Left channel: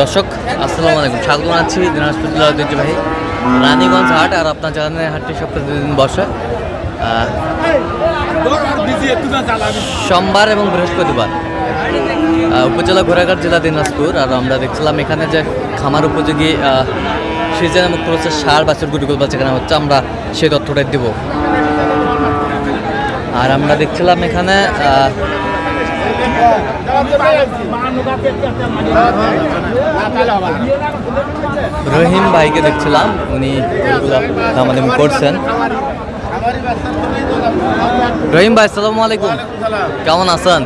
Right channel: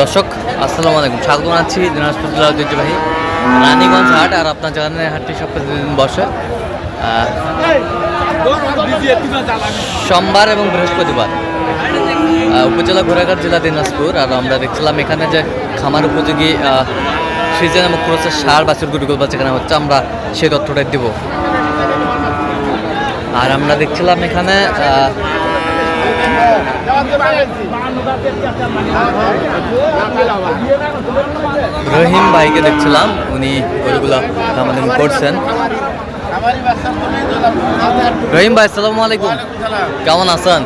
দর্শক, আসসালামু আলাইকুম। স্বাগত জানাচ্ছি দিনাজপুর জেলার ঐতিহ্যবাহী রানীগঞ্জ হাট আর আপনার জানেন হাটটি সব প্রতিদিন বসে সোমবার এবং বৃহস্পতিবার উপজেলা ঘোড়াঘাট জেলা দিনাজপুর। আর আমরা দেখছিলাম এখানে যে খামার উপযোগী সিজন এবং ক্রোসের সার, বাছুর গুটিগুলো বা যেখানে হচ্ছে, আমরা সেই তথ্যটাই দেব। আর আমরা দেখছিলাম এখানে রহিম ভাইকে দেখছিলাম, উনি ওইগুলো আমাদের করছেন রহিম ভাই সালাম আলাইকুম। কেমন আছেন?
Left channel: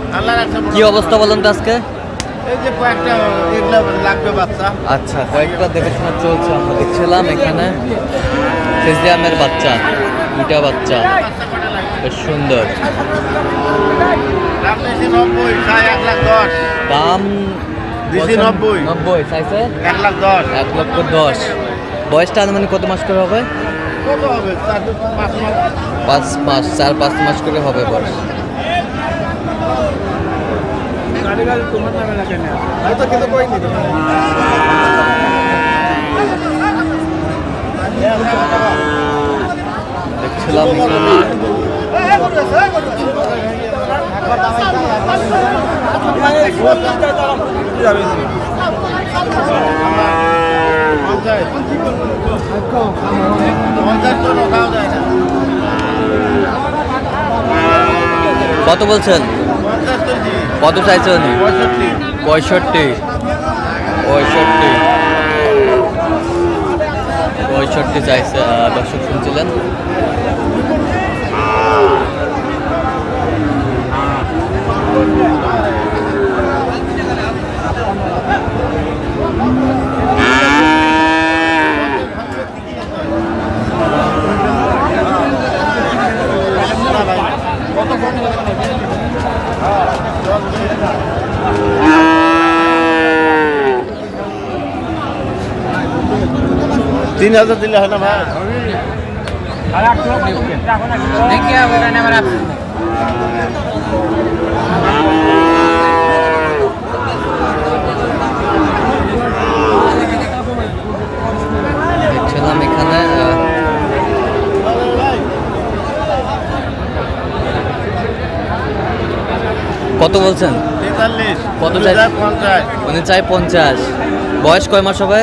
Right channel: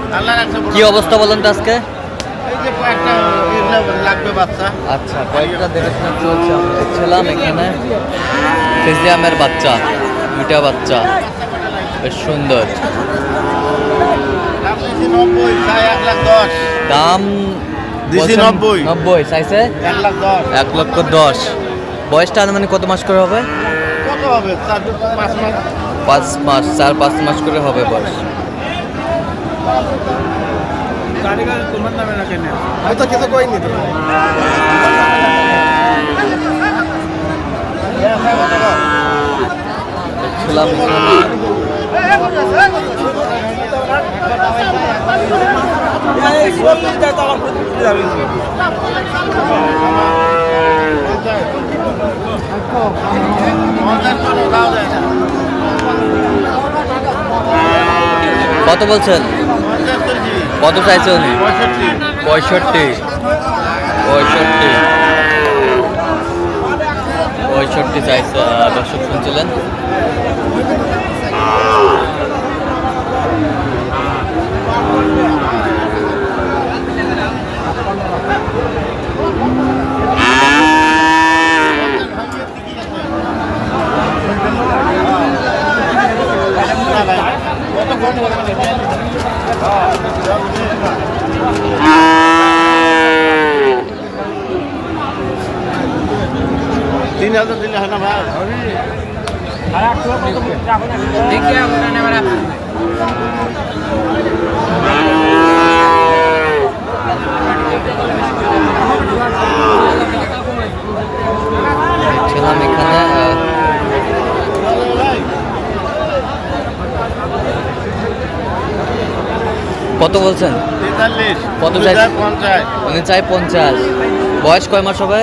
কি অবস্থা বলেন তো আজকে? আচ্ছা কয়েকটা দেখাশোনা চলছে, আমরা দেখছিলাম এখানে। ফেজিয়ামের বাচ্চা, দুইটা বাচ্চা। বেশ সুন্দর। দাম নব্বই চাইছে? এক লক্ষ দশ। বয়সটা আনুমানিক কত মাস করে হবে? পাঁচ মাস। চার পাঁচ মাস করে হবে বয়স। হয়তো কিছু কই নি। দেখছিলাম এখানে। কত বলছেন? কত চাইছে উনি? পঁয়ষট্টি। পঁয়ষট্টি। পঁয়ষট্টি চাইছে দর্শক শুনছিলেন কত কম হবে হ্যাঁ জল দিয়ে না তিন হাজার দিলে হয় না দেখছিলাম এখানে কত বলছেন? কত চাই? উনি চাই পঞ্চাশ। বয়স কয় মাস হবে?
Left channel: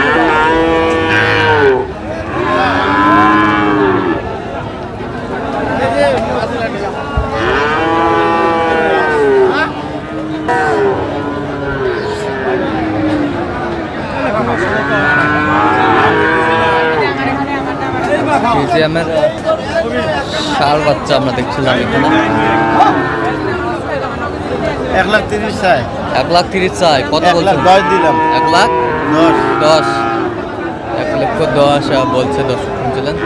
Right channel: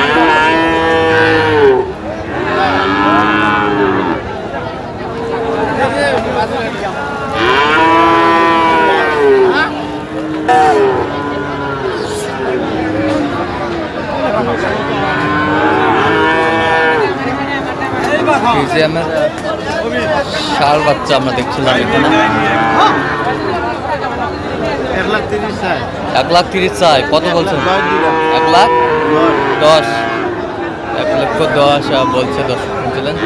কত স্যার ষাঁড় বাচ্চা আমরা দেখছিলাম এখানে এক লাখ তিরিশ চাই কত বলছেন এক লাখ দশ। এক লক্ষ দশ বলছে দর্শক শুনছিলেন।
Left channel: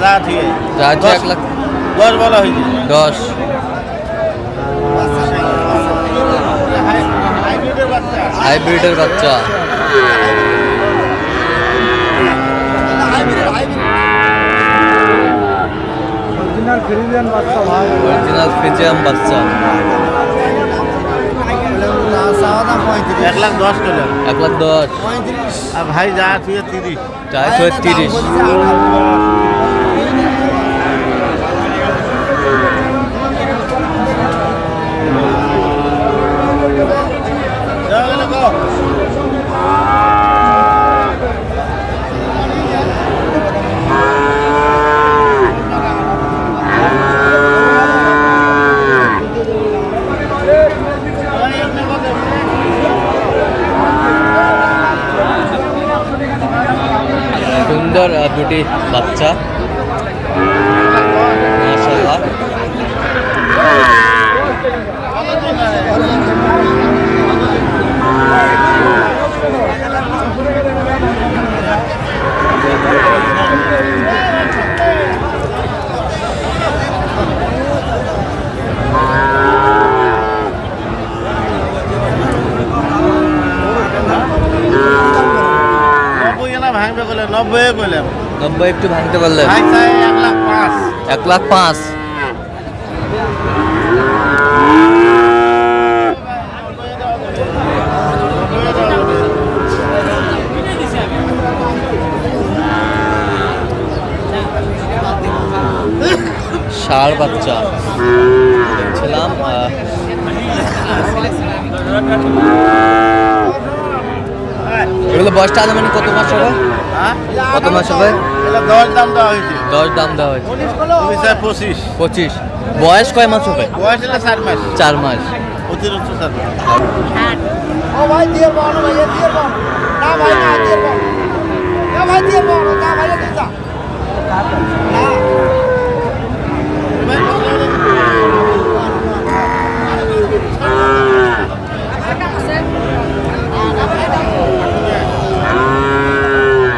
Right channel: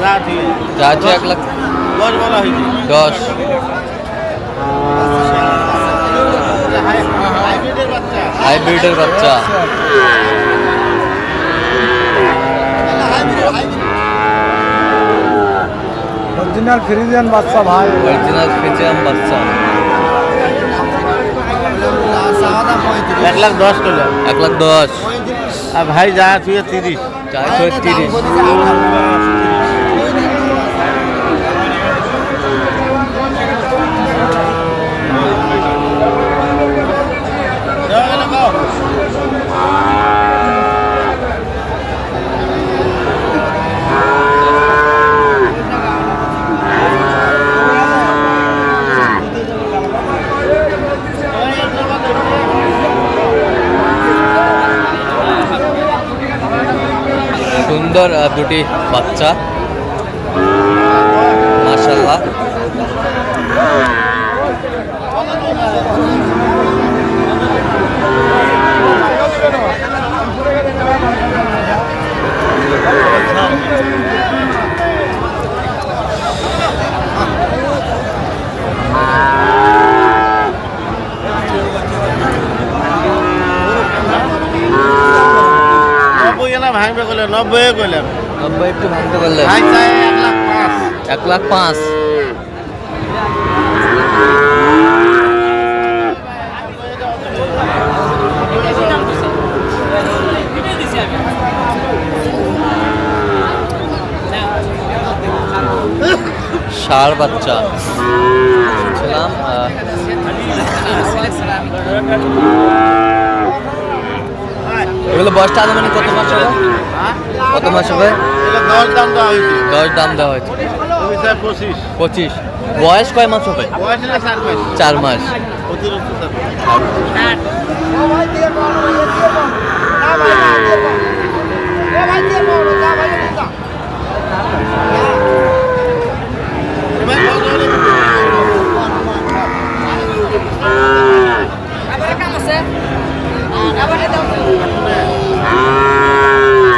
যা ঠিক আছে যা আছে এক লাখ দশ বেলা হয়েছে দশ হাইব্রিডের বাচ্চা হাইব্রিডের বাচ্চা অরিজিনাল ফ্রিজিয়ান বাচ্চা এক লাখ দশ এক লাখ দশ। আর ভাই যা তুই তিরিশ। যা আছে তিরিশ। সুন্দর দুটি বাচ্চা। মাশাল্লাহ নব্বই কইলে নব্বই কইলাম। নব্বই একটু ভাঙতে পারলে। ভাই চাই এক লাখ পাঁচ। এক লাখ পাঁচ। ষাড় বাচ্চা। দেখছিলাম এগুলো বয়সটা আনুমানিক কত মাস হবে? কত মাস হবে? দশ দাম দেওয়া হয়েছে। দশ দাম দেওয়া হয়েছে। পঁচিশ পঁচিশ। বয়স কয় মাস হবে? চার মাস। চার মাস। অতিরিক্ত চার মাস আর ও ভাই দিয়ে পাও না ভাই এ দিয়ে পাও না ভাই না দিয়ে পাও না ভাই দিয়ে পাও না যা ভাই না এবার কত হলে বিক্রি করবে?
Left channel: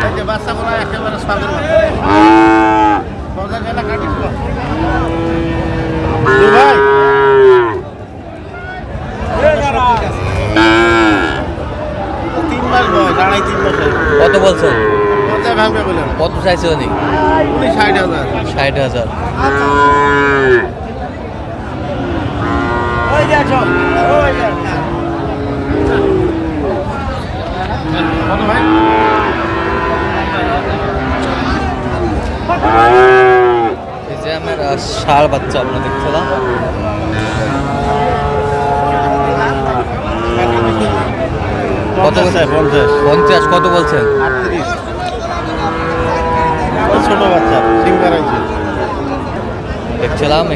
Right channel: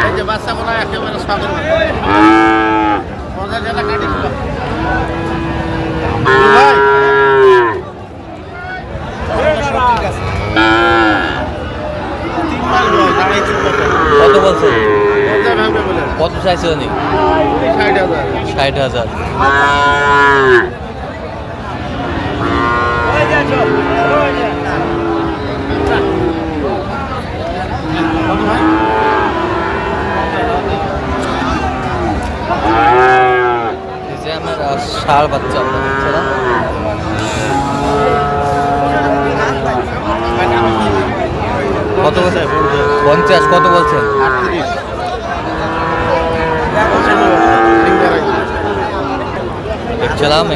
এই যে বাচ্চাগুলো একেবারে সাদের মতো। পঞ্চাশ হাজার কাটি দিবো। দু ভাই তিন মাস বয়স আড়াই তিন বছর কত বলছেন পঞ্চাশ ভাঙবে বলে কত চাইছে ষাট হাজার। আমার বাচ্চা আমরা দেখছিলাম কত বলছেন পঞ্চাশ কত বলছেন আটত্রিশ। দেখছিলাম।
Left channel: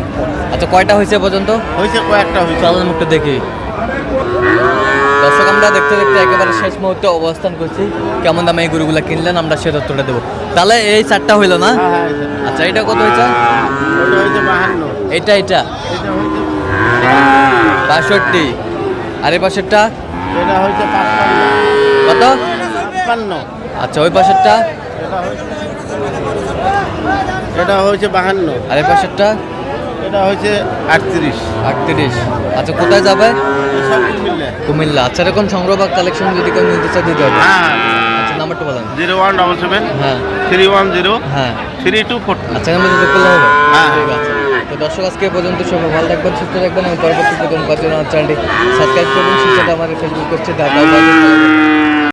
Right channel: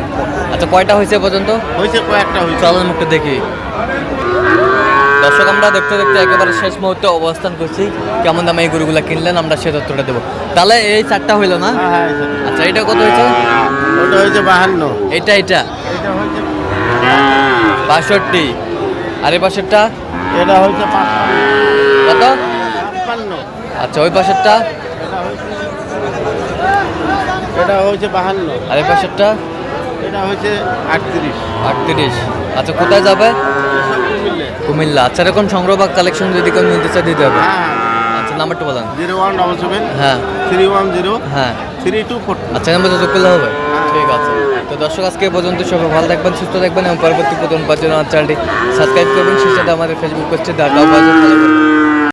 আচ্ছা কয়টা হয়েছে পর্যন্ত? হয়েছে কয়েকটা হয়েছে। চলেন মুখটা দেখি। দর্শক আমরা দেখতে দেখতে একেবারে শেষ মুহূর্তে অবস্থান করছি। কেমন দামে এই গরুগুলা কিনলেন আমরা সে তথ্যটা দেবো। তাহলে এই চারটা হইল না? হ্যাঁ হ্যাঁ। আচ্ছা এটা কত হয়েছে? এটা এটা বাষট্টি। আর এই পাশেরটা? এটা হয়েছে কত? আচ্ছা ওই পাশেরটা? এটা হয়েছে বাহান্ন। আর এই পাশেরটা? এটা হয়েছে আটত্রিশ। আটত্রিশ। আচ্ছা কোথায় যাবে? কুমিল্লা। আচ্ছা এরকম সংগ্রহ বা কালেকশন যদি কেউ নিতে চায় দিতে হবে। হ্যাঁ। আচ্ছা নাম্বারটা বলেন। জিরো ওয়ান ডবল সেভেন হ্যাঁ। থ্রি ওয়ান জিরো হ্যাঁ। থ্রি টু ফোর আচ্ছা নাম্বার যোগ করলে হবে? হ্যাঁ। ঠিক আছে। তো দর্শক আজকে পর্যন্ত সবাই ভালো থাকবেন সুস্থ থাকবেন এবং পরবর্তী পাওয়ার জন্য আমার চ্যানেলটি সাবস্ক্রাইব করবেন। সেই সাথে আমাদের ফেসবুক পেজটি দেখা